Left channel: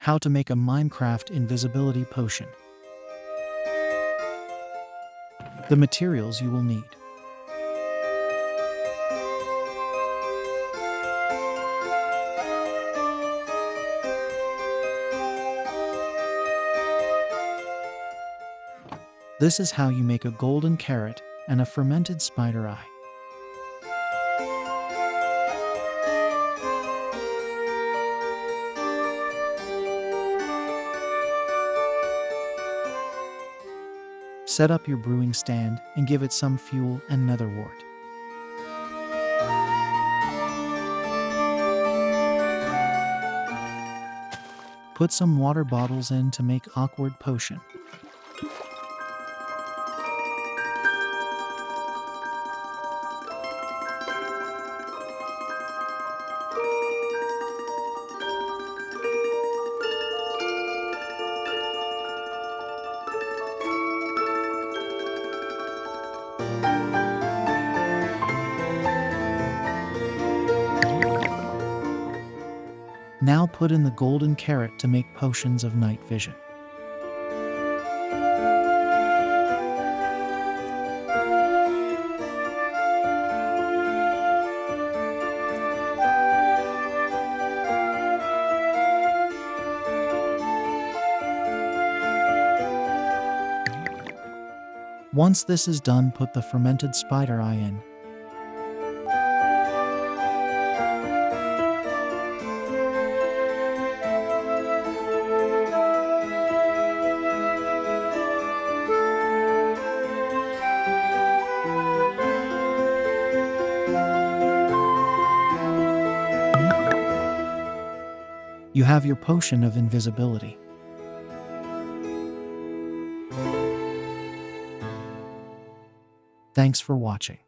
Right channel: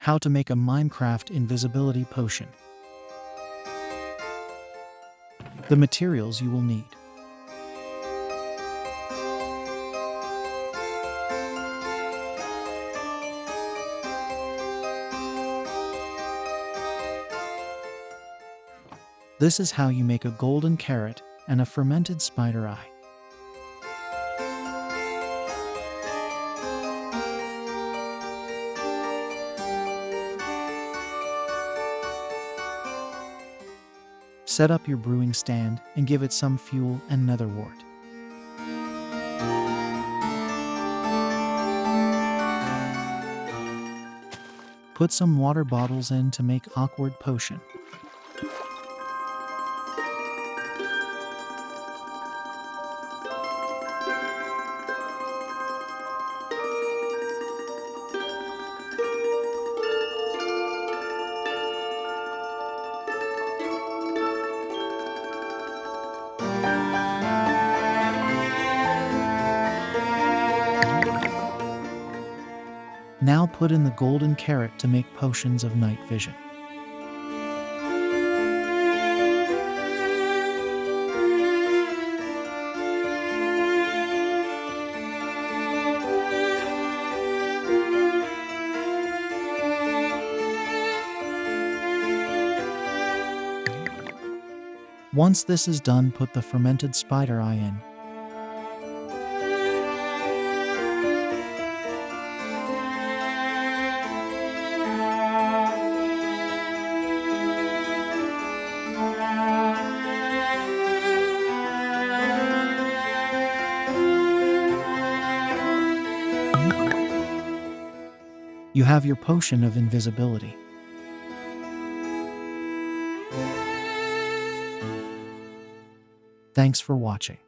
How to make a Minecraft invisibility potion. The materials you will need. This is how you make a golden carrot and a fermented spider eye. Set up your brewing stand and give it some fuel and nether wart. Put some water bottles in to make awkward potion. Now put in the golden carrot to make potions of night vision. Once this is done, put the fermented spider eye in. You have your potion of invisibility. Thanks for watching.